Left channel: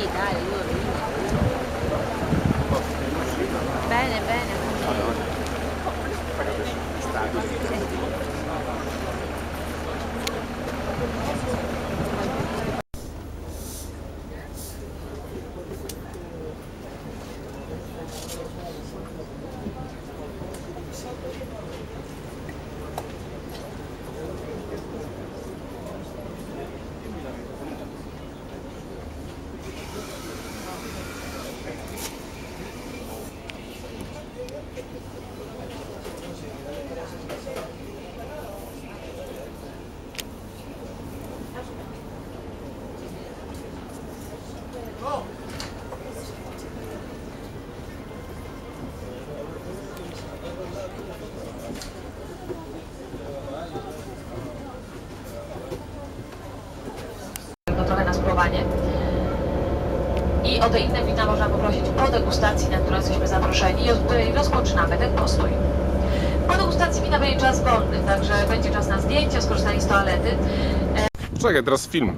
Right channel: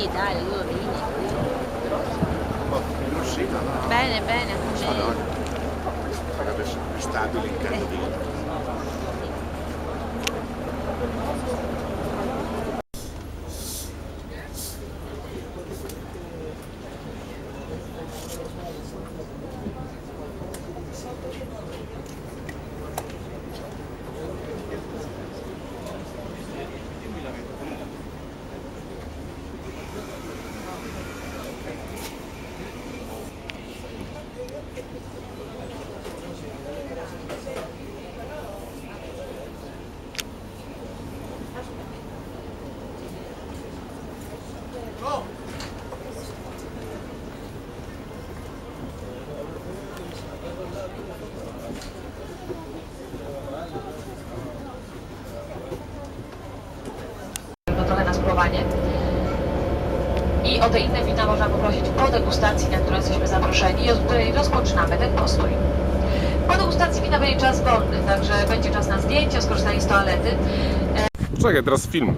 Sì, dai, le due linee. Bene, bene, così. Allora, perché adesso è stabile in. Spróbowanie. I o te inne wina można poprosić po degustacji, na którą jesteśmy zaproszeni i od której rozpoczynamy ten postój. Po degustacji wina będzie czas wolny, także będzie czas na zdjęcia, skorzystanie z toalety. Czekaj, teraz film.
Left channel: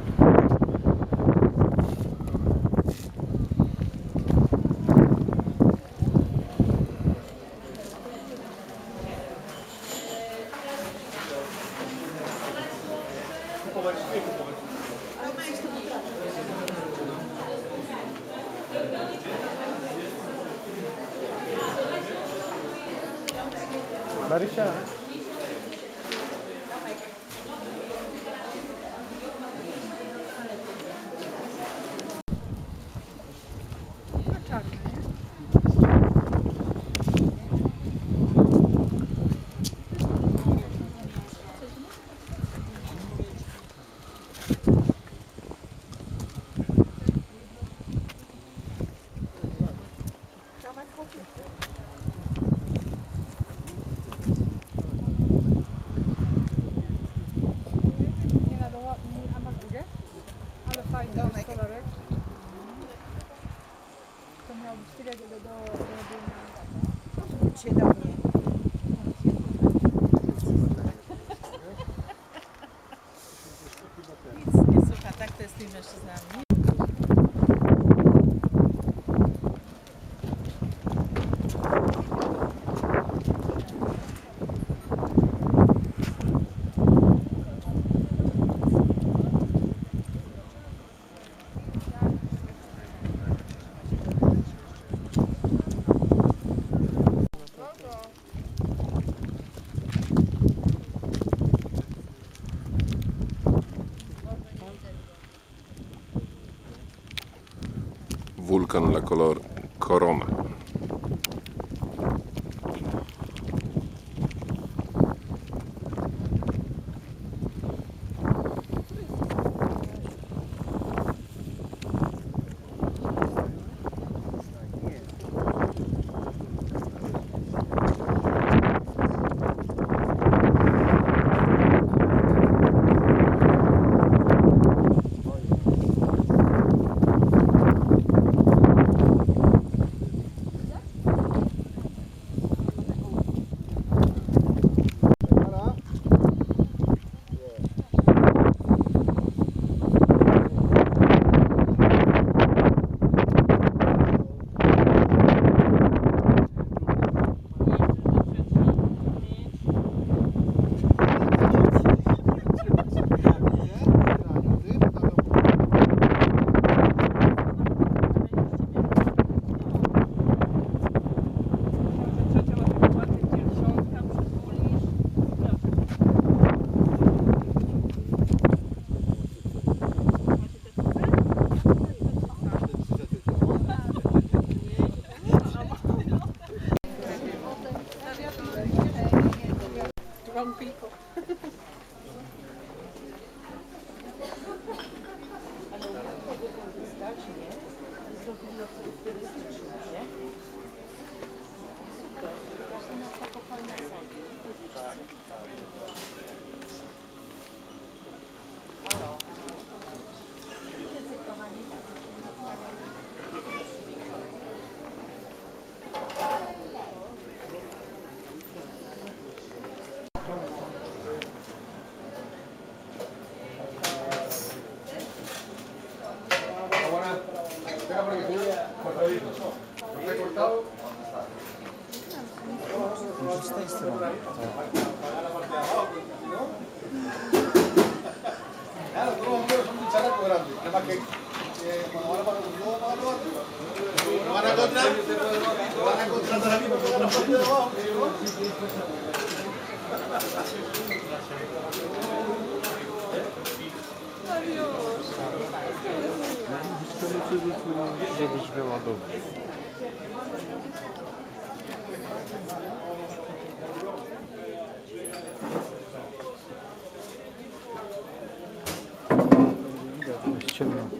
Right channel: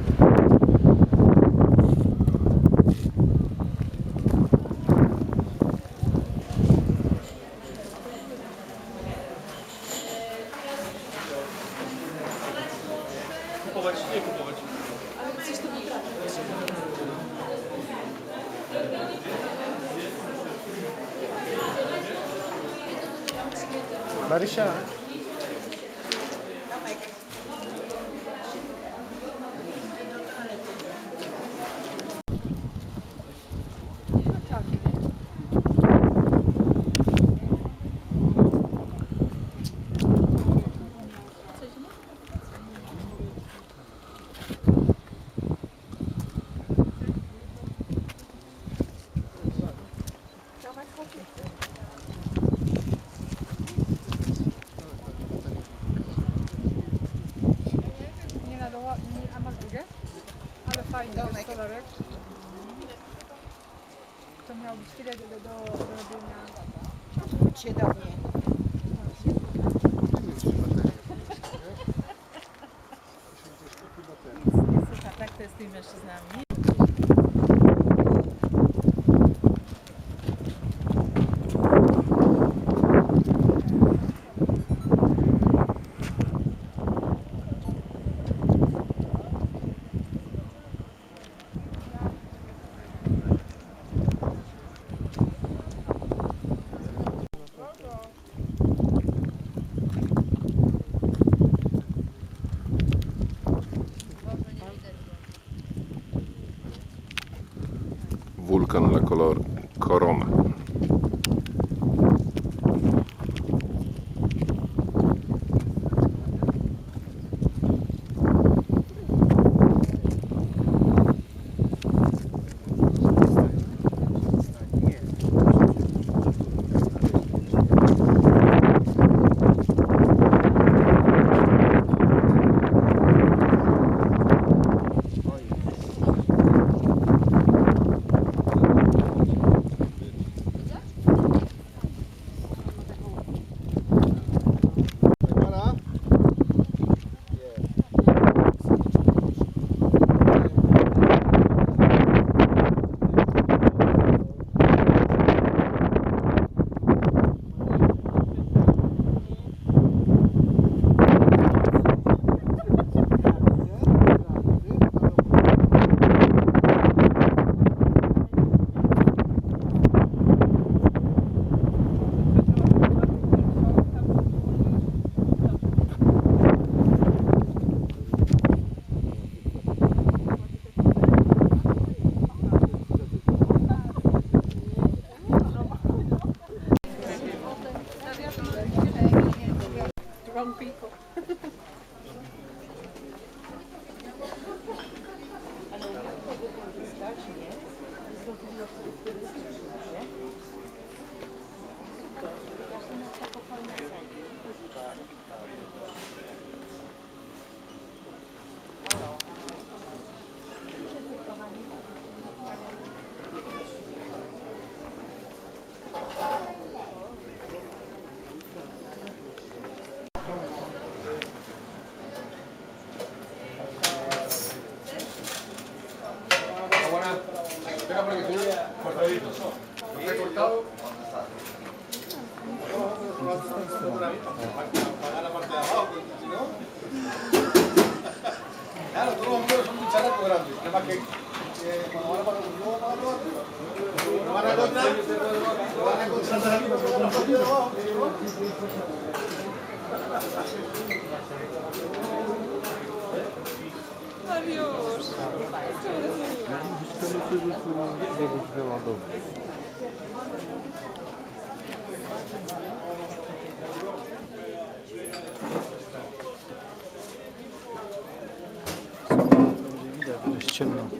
Nie na doła, nie, a masz drugie? Ale fajny jest kolorek. To miało być tyle do, do, do robienia. Chodź się do mnie. Nic nie słucha, tak to jest z Wulkan La Color Corona. Wrong people. grande. Nada que eh, cuando van a parar uno, van a probar. Lo van a encontrar, lo van a encontrar a la misma la parte de abajo. Adiós. Jakiś wyładowy. Thank you. içemiyorum.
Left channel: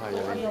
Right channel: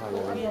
Hayır.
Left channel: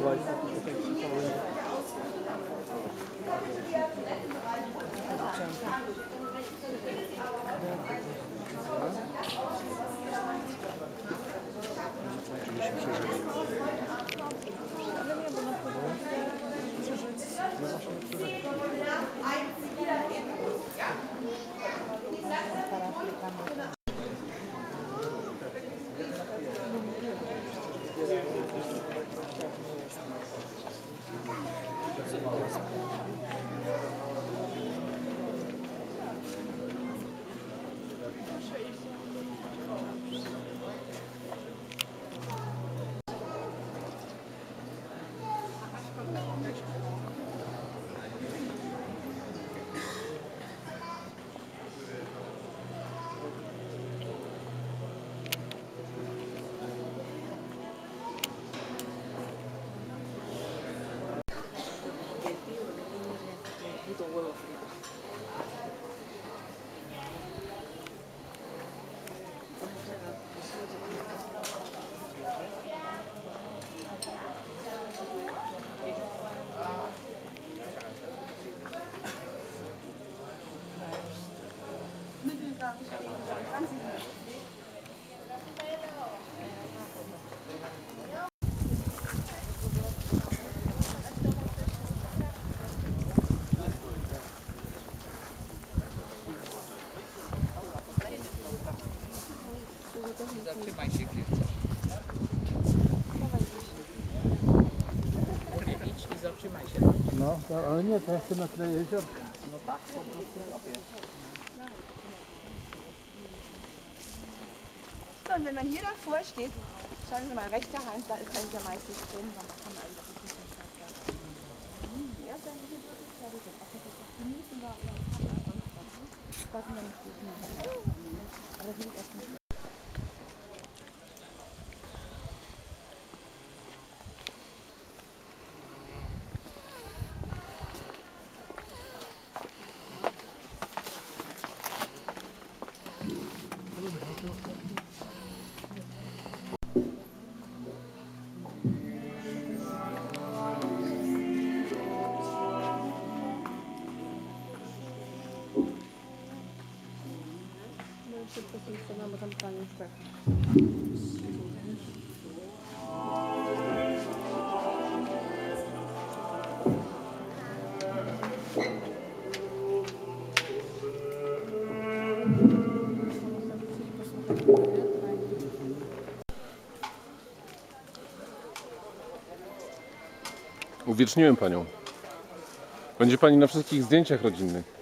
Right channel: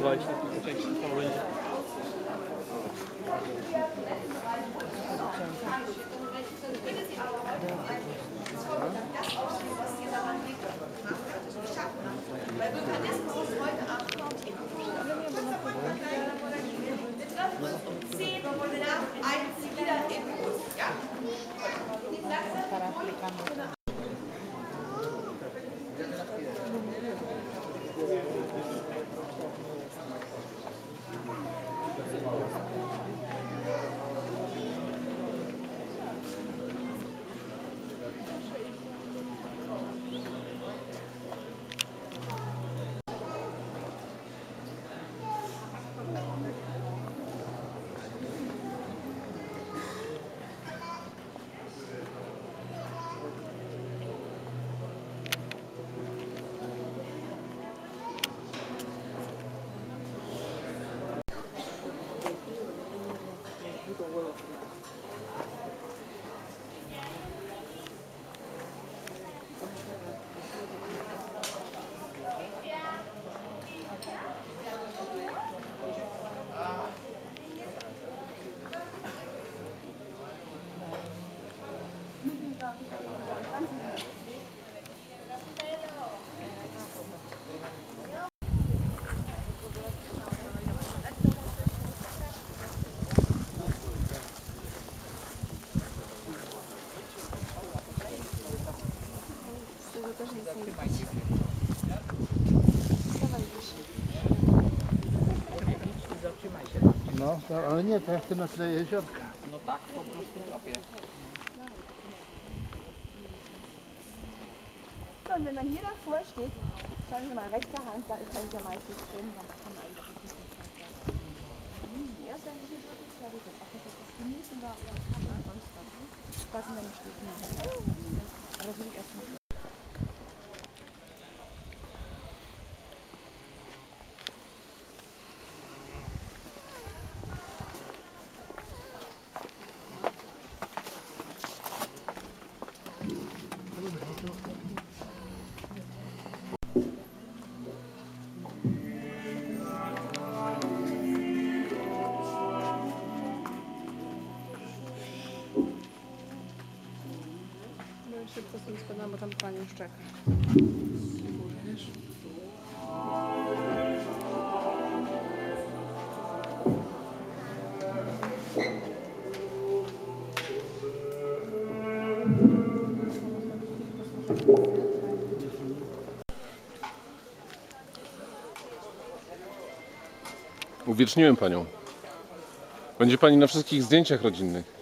aquí porque van a poner debajo. Jest No, to, ale nie, to ja na tyle jeziorka. No tak, po prostu robię. So, und wenn man hier davor steht, schauen Sie mal, rechte Hand, da ist eigentlich am meisten drin, da kann man eigentlich nicht mehr hm, Erst dann hier wirklich es auch das genießen wir, aber sonst was. Warten wir nicht. Aber Da will ich erst nicht. Szybko z tym spadam, bo tam pani już czeka. Uwieczniłem panią. Będzie pani na wszystkich zdjęciach rodzinnych.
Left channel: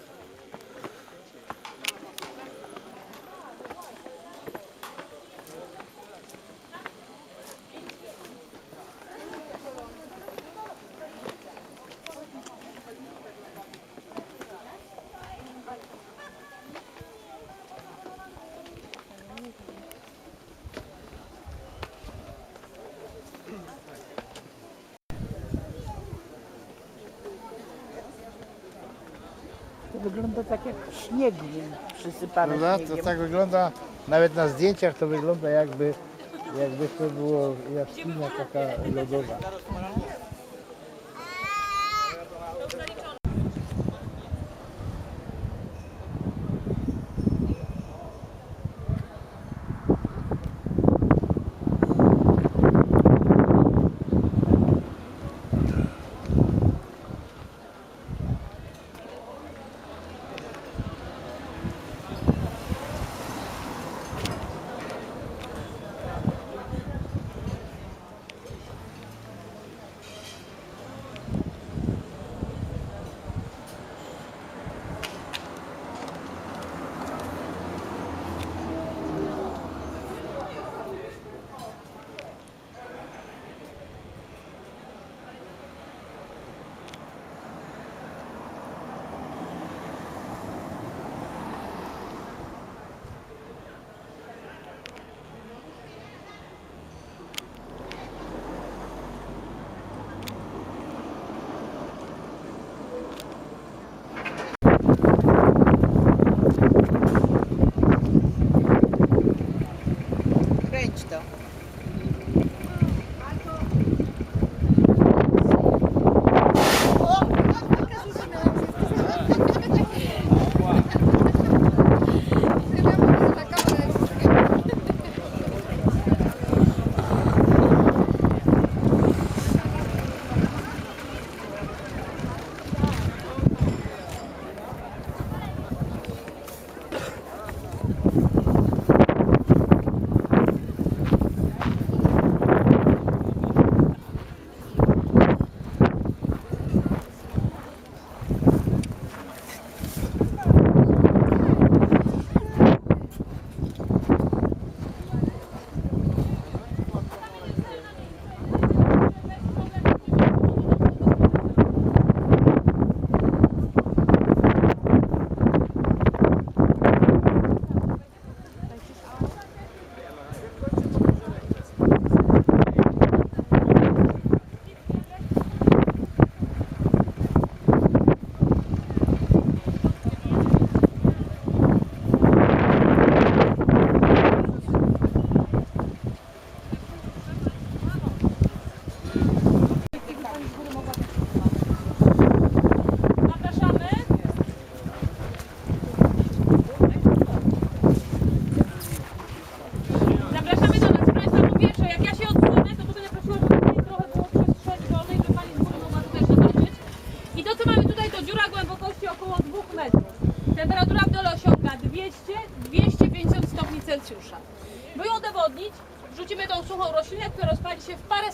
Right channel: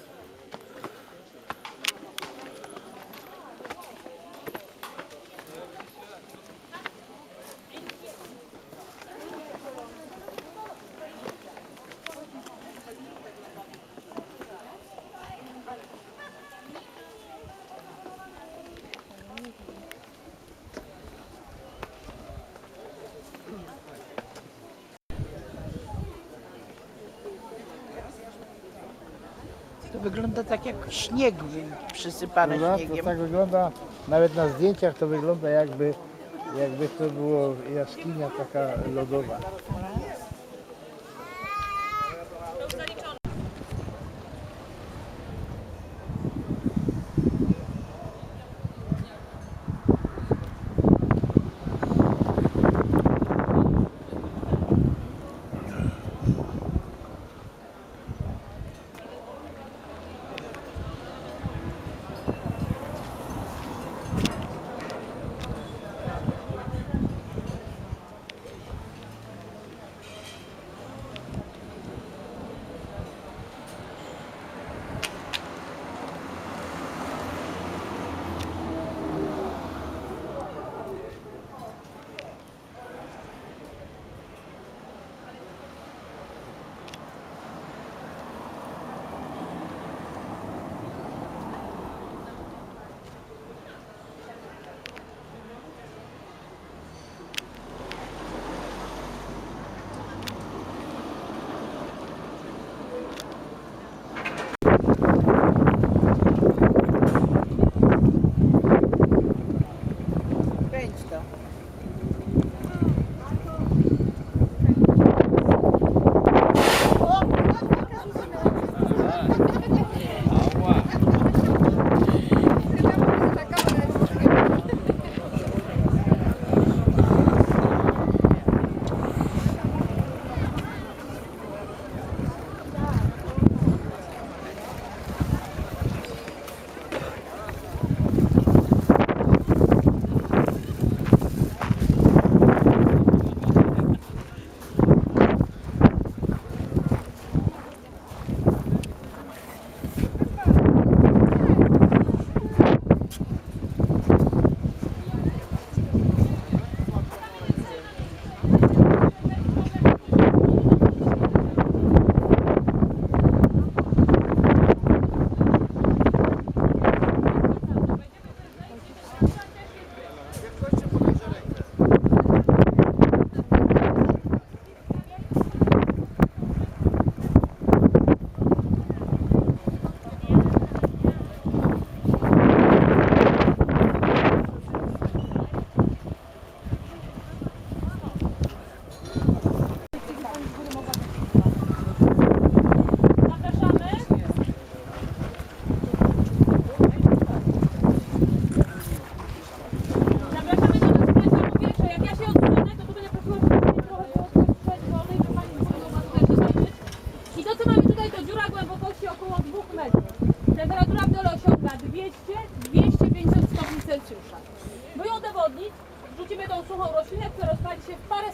wygląda tak jak śnieg przysypane Prawda? To śniegiem. tak wygląda, nawet na zdjęciach to wygląda jakby, jakby to było jaskinia taka lodowa.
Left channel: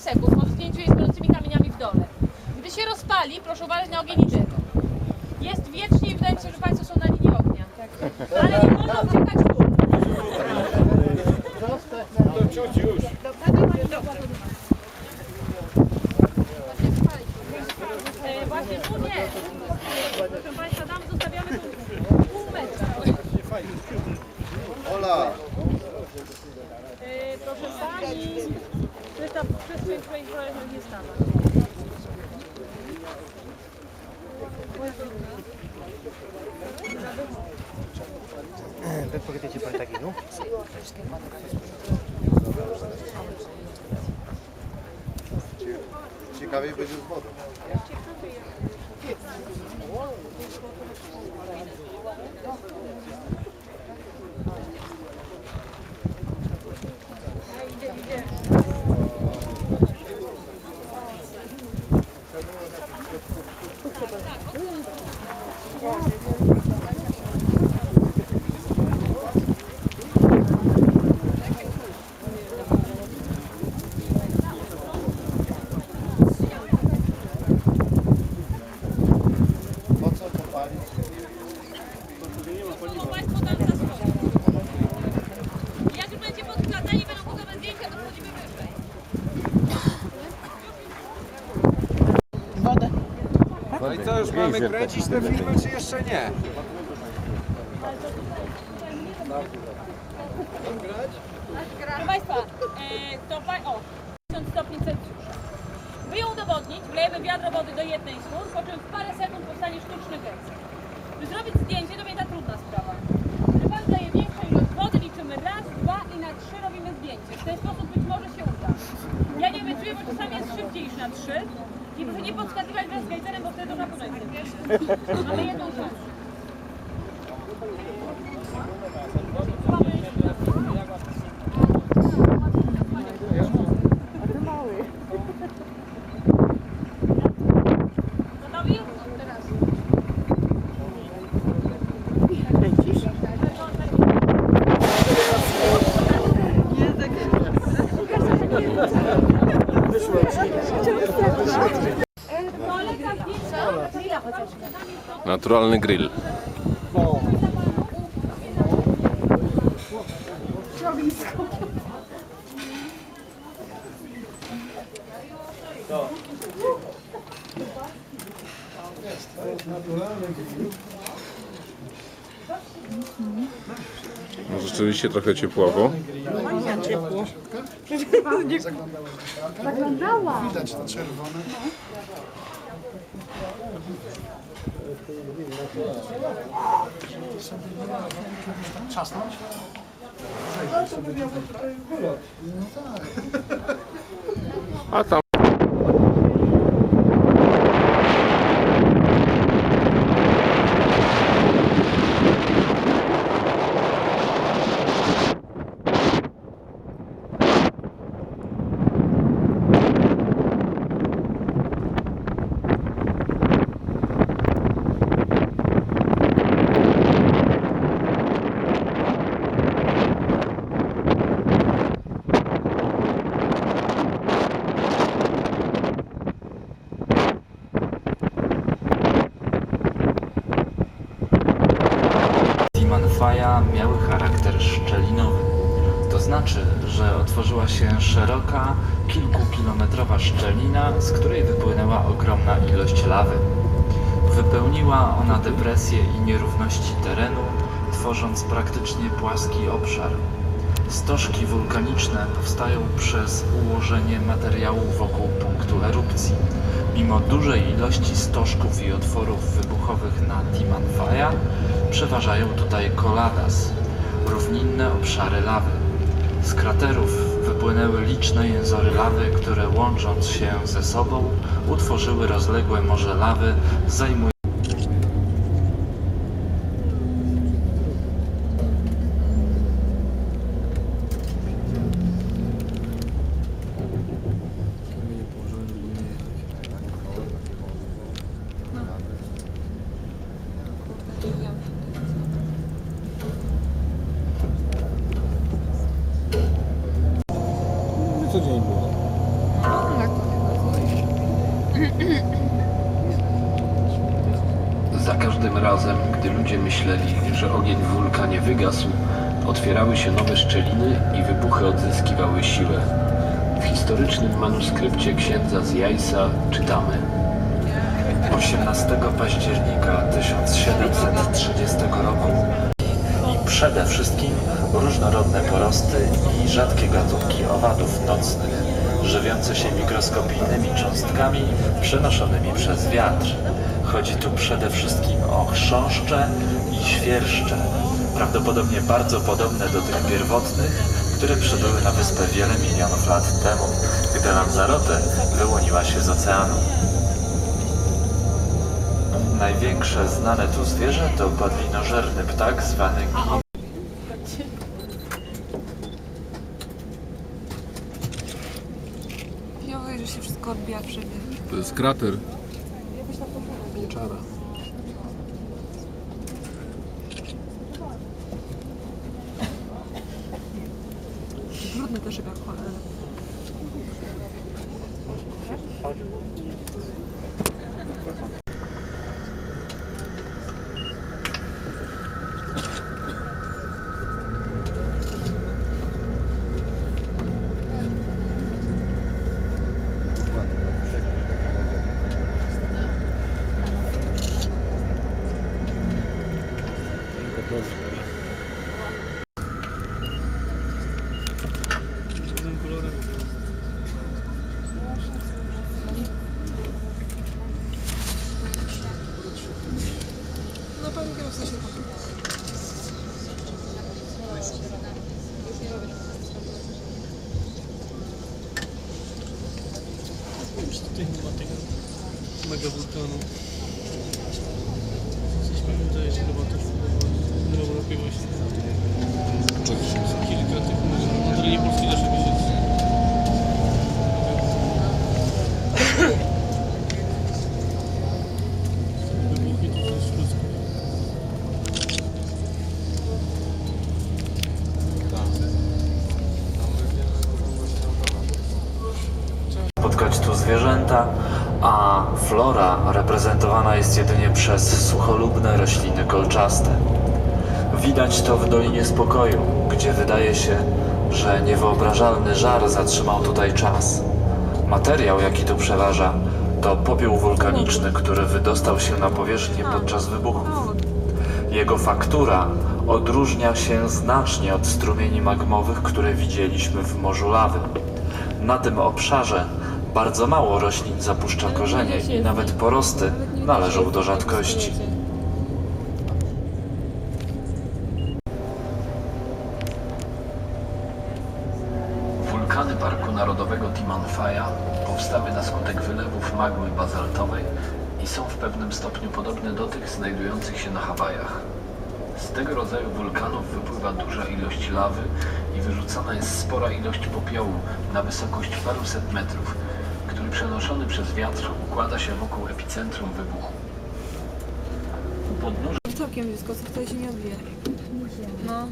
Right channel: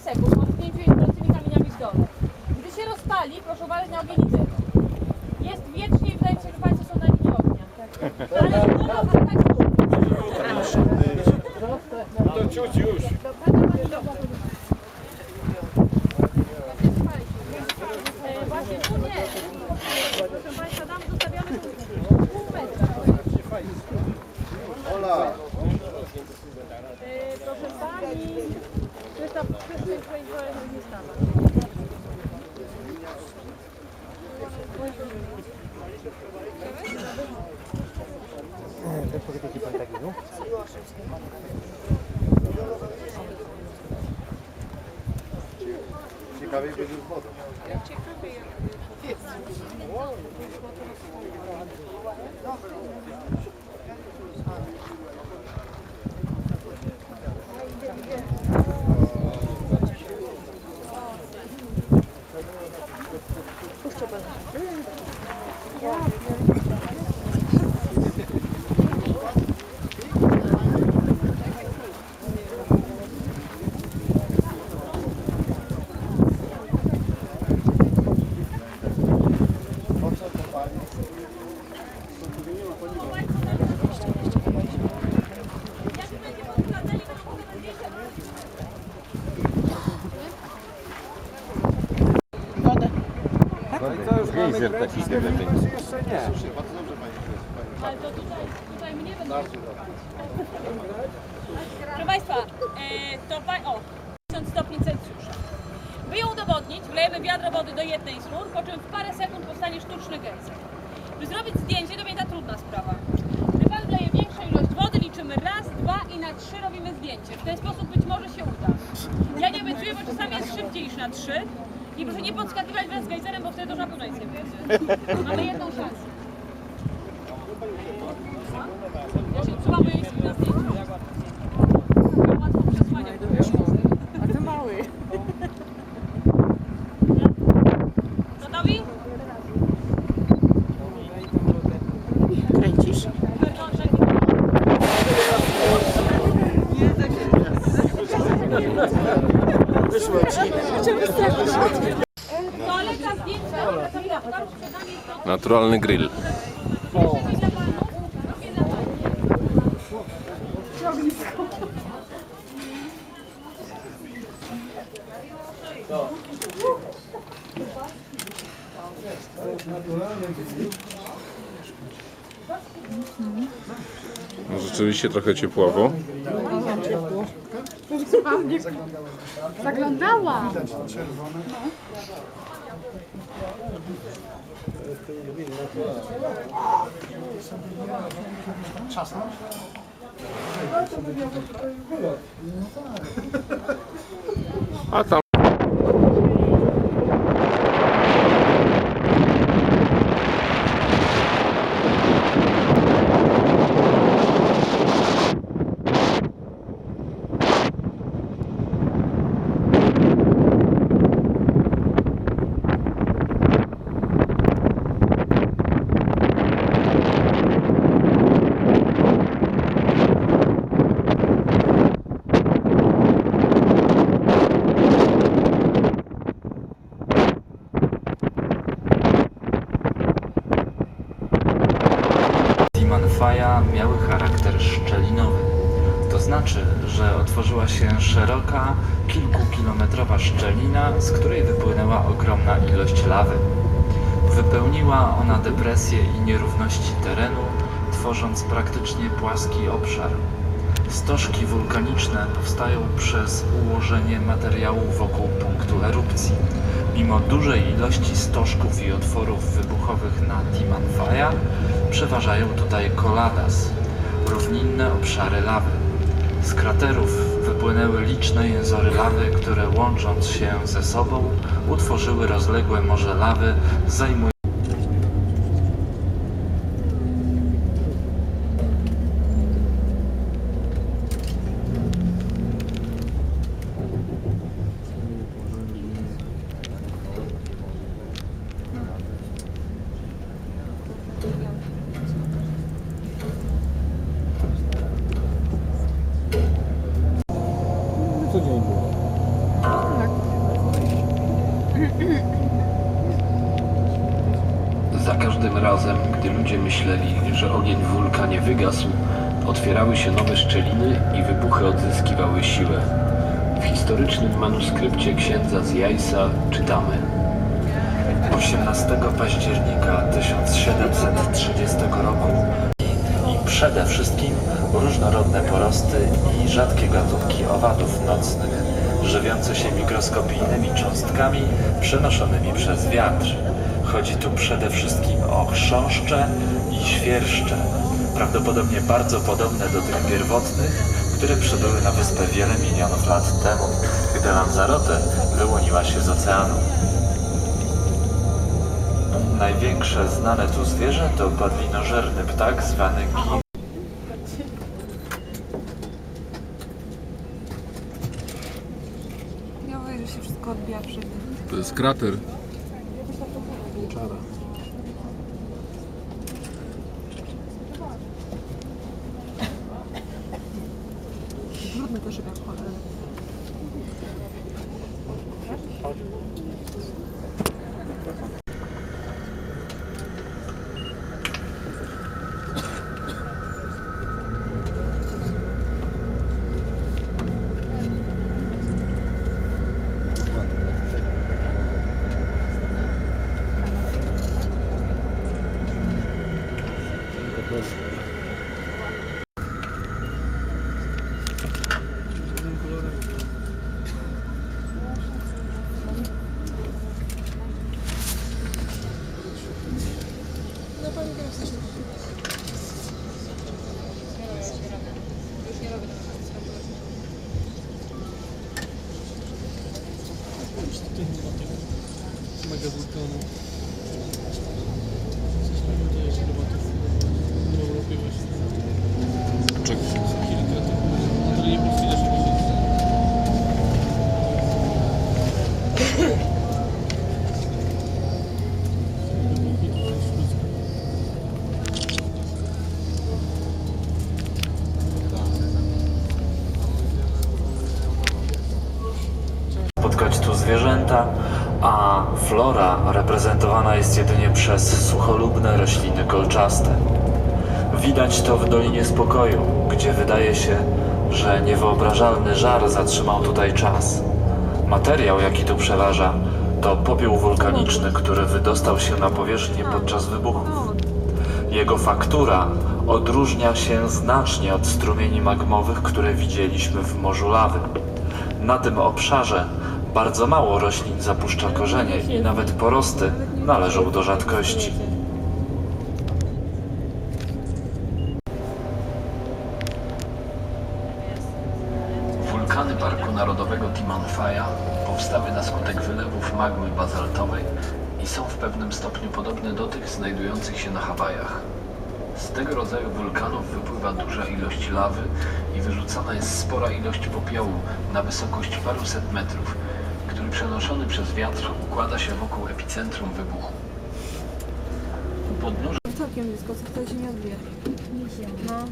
Sekund po zdjęciu jej z gorącymi kamieniami w dole. Gdy się rozpali, proszę uważać na ogień i dym. Jest wiecznie i wydaje mi się, że Państwo są na linii ognia. Ale nie mogą uciekać w dół. E, Właśnie tu nie. Proszę Państwa, tam zostawiamy tu pół metra. Ola! E, Proszę Pani, to jest ta przestrzeń, w której proszę nie stawać. Ciekawiej będzie z wodą. I już mamy kręcić te filmy, czy jeszcze nie? Ale to tutaj, tutaj mnie to Proszę Państwa, e, to pa, o, 1000 stopni Celsjusza. By ją udowodnić, wlejemy wiadro wody do jednej z chmur, po czym w parę sekund powstanie sztuczny gęst. By zrobić zdjęcie, to będzie ta trudna sprawa. Gdy Pan wleje większą ilość wody, liczymy raz, dwa i na trzy robimy zdjęcie. W ten sposób być może się uda. Ja nie obiecuję, bo czasami jest szybciej niż na trzy. I proszę nie podskakiwać wraz z gejzerem, bo wtedy nie będzie. Mamy jedną szansę. Na Naturalny grill. No rzeczywiście trochę ciepławo. Zaglądała. A tam Miały charakter szczelinowy. To znaczy, że otworzyła się szeroka, kilkukilometrowa szczelina, z której wypłynęła ogromna ilość lawy. Wypełniła ona depresje i nierówności terenu, tworząc praktycznie płaski obszar. Stożki wulkaniczne powstają przez ułożenie materiału wokół punktu erupcji. Mimo dużej ilości stożków i otworów wybuchowych na Timanfaya, przeważają tutaj koladas, równinne obszary lawy. Z kraterów wypłynęły liczne jęzory lawy, które łącząc się ze sobą utworzyły rozległe morze lawy zajmujące Co dzień było? Za każdym razem, gdy ludzie myśleli, że ogień w wygasł, otwierały się nowe szczeliny i wybuchy odzyskiwały siłę. W historycznym manuskrypcie księdza z Jajsa czytamy 18 października 1730 roku i przede wszystkim różnorodne porosty i rzadkie gatunki owadów nocnych, żywiące się mikroskopijnymi cząstkami przenoszonymi przez wiatr. Chodzi tu przede wszystkim o chrząszcze i świerszcze, prawdopodobnie bardzo podobne do tych pierwotnych, które przybyły na wyspę wiele milionów lat temu, gdy Lanzarote wyłoniła się z oceanu. Największe znane tu zwierzę to padlinożerny ptak zwany gi. Ja mówię, że się wszystko odbija wszędzie. to jest krater. 都是比较。Jak cholera. mega wulkanu. Wydaje flora reprezentowana jest jedynie przez sucholubne rośliny kolczaste. Widać to w Dolinie Spokoju, gdzie wydaje się, że niewyobrażalny żar zatrzymał tutaj czas. Materiał, jaki tu przeważa, to popiół wulkaniczny, który wydostał się na powierzchnię podczas wybuchów. Jego faktura odróżnia się znacznie od strumieni magmowych, które widzieliśmy w Morzu Lawy. Na tym obszarze bardzo mało roślin zapuszcza korzenie i nawet porosty należą do rzadkości. Wulkany Parku Narodowego Timanfaya powstały na skutek wylewów magmy bazaltowej i są w pewnym stopniu podobne do tych znajdujących się na Hawajach. Z tego rodzaju wulkanów wypływa duża ilość lawy i wyrzucana jest spora ilość popiołu na wysokość paruset metrów, przenoszony przez wiatr układa się wokół epicentrum wybuchu. U podnóża Całkiem blisko, co tutaj się nie odbija. No.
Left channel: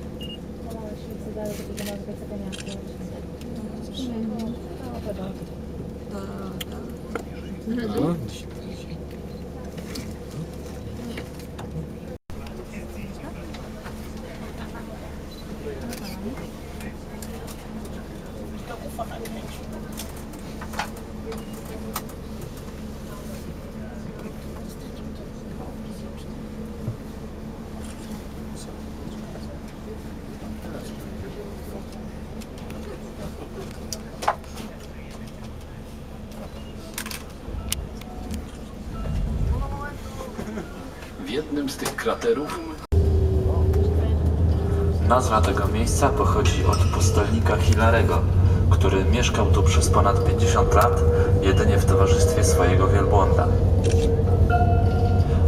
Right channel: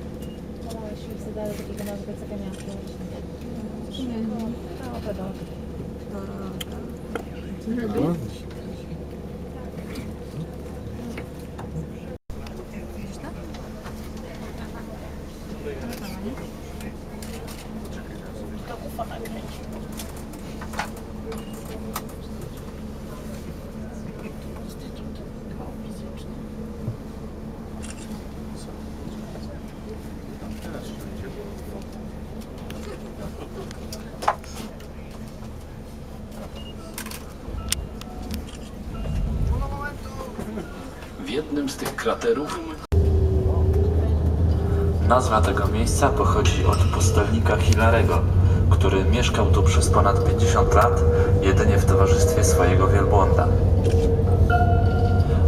w jednym z tych kraterów Nazwa tego miejsca pochodzi od pustelnika Hilarego, który mieszkał tu przez ponad 50 lat, jedynie w towarzystwie swojego wielbłąda.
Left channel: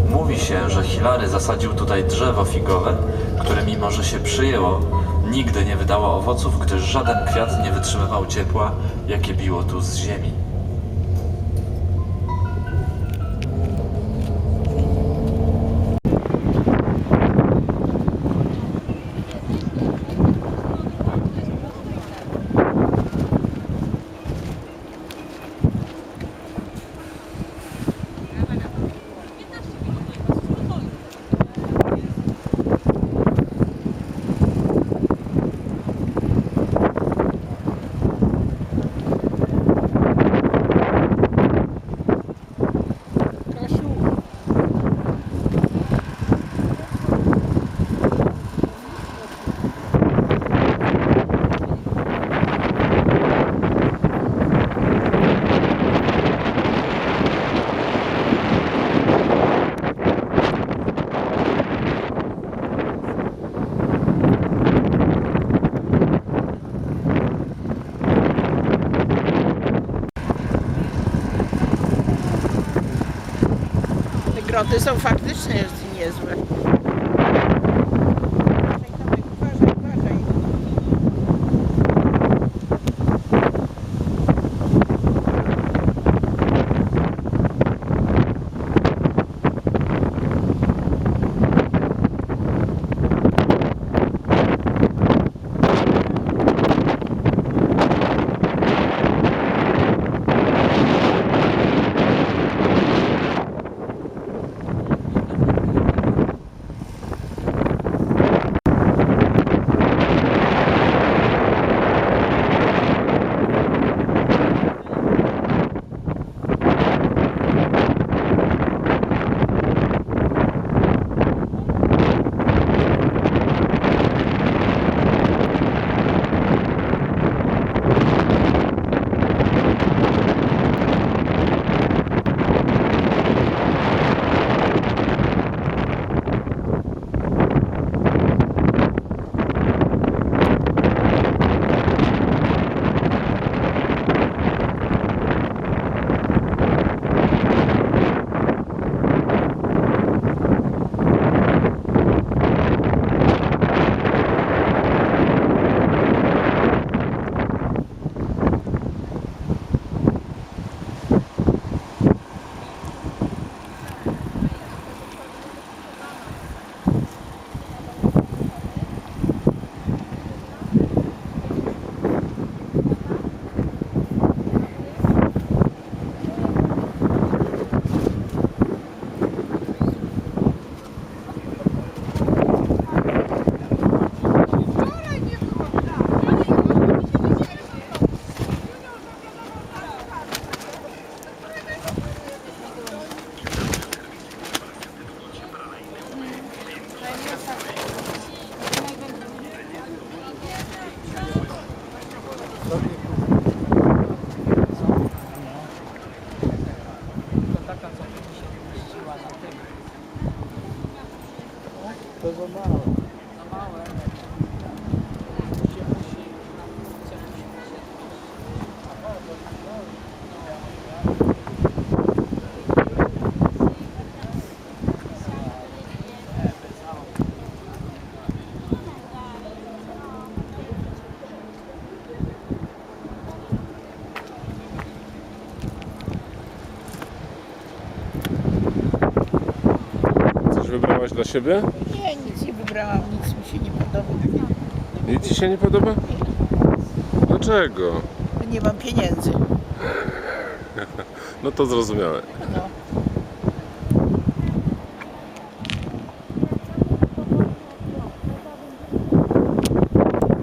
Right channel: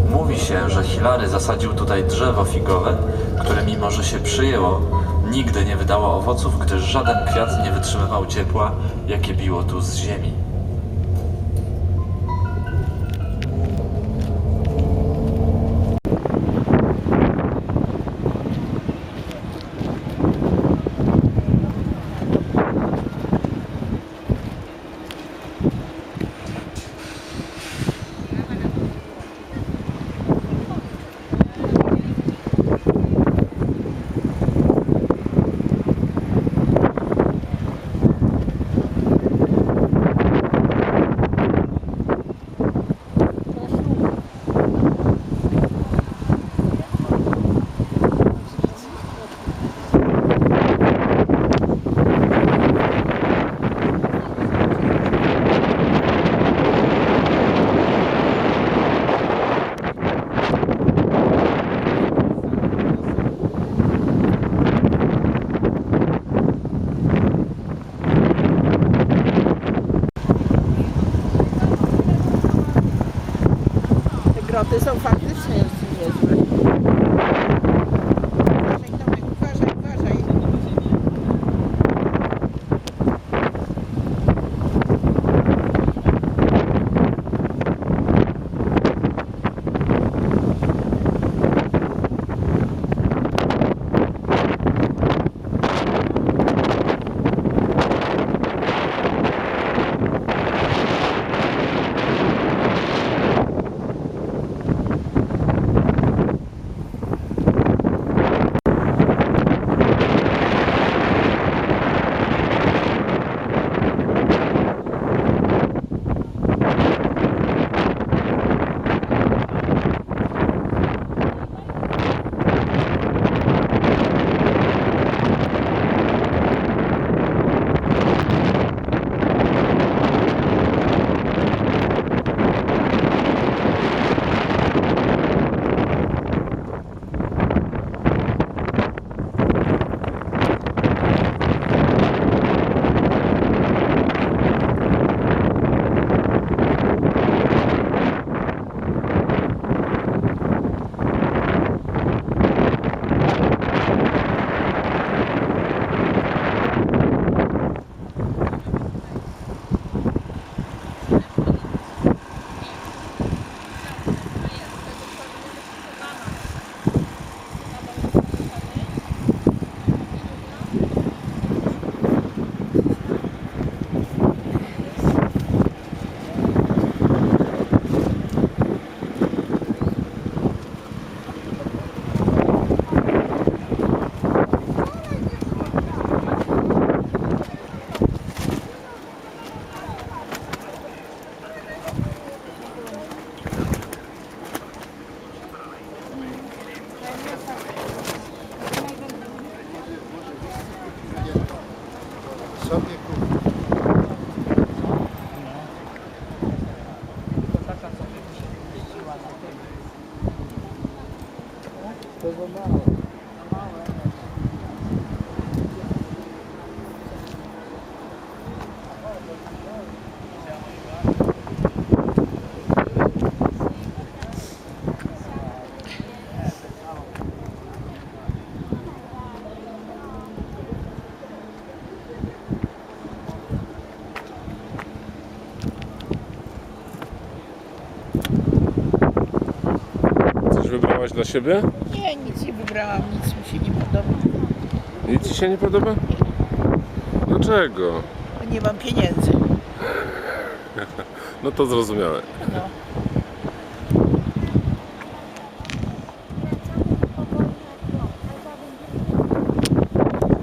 Mówi się, że Hilary zasadził tutaj drzewo figowe, które mimo, że się przyjęło, nigdy nie wydało owoców, gdyż żaden kwiat nie wytrzymywał ciepła, jakie biło tu z ziemi. Te groty są faktycznie zmieściła na tym. To za mało. Dla siebie? Nie, nic nie wybrałam, nic mi się nie podoba. Nic ci się nie podoba? Dlaczego? Nie mam pieniędzy. No to zrozumiałe. No.